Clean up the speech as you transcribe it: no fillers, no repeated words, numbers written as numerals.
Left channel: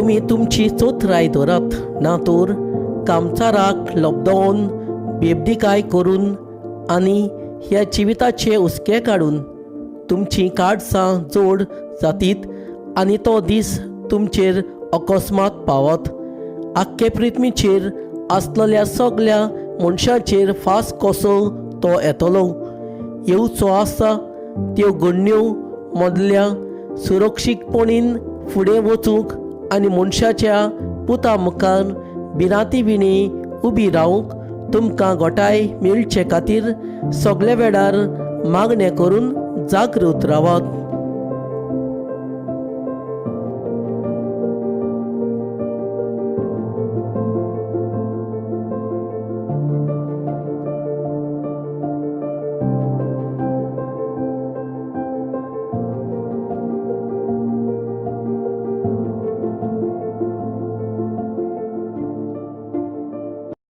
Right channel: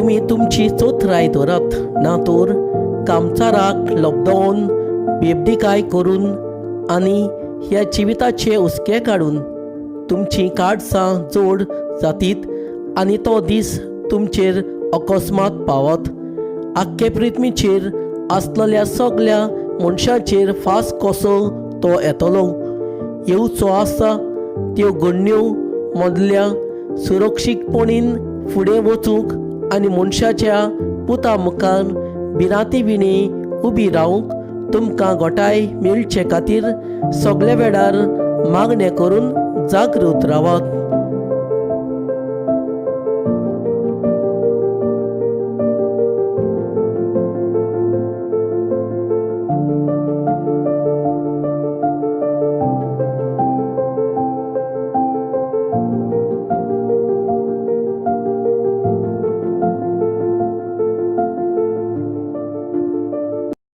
तुमी तुमची चोथराय धरत ना तर कामचाराक लबदावन बेबडीकाय करून आनी ह्या जिविताचे हुस्के काडून तुमची काडसां जोड जातीत आनी तो दीस तुमचेर अकस्मात पावत. आख्खे पृथ्वीचेर आसलेल्या सगळ्या मनशांचेर फास कसो तो येतलो. येवचो आसा त्यो घडण्यो मदल्या सुरक्षीतपणीन फुडें वचूंक आनी मनशाच्या पुता मुखार भिरांती विणी उबी रावंक तुमकां गोठाय मेळचे खातीर सगळे वेळार मागणें करून जागृत रावात.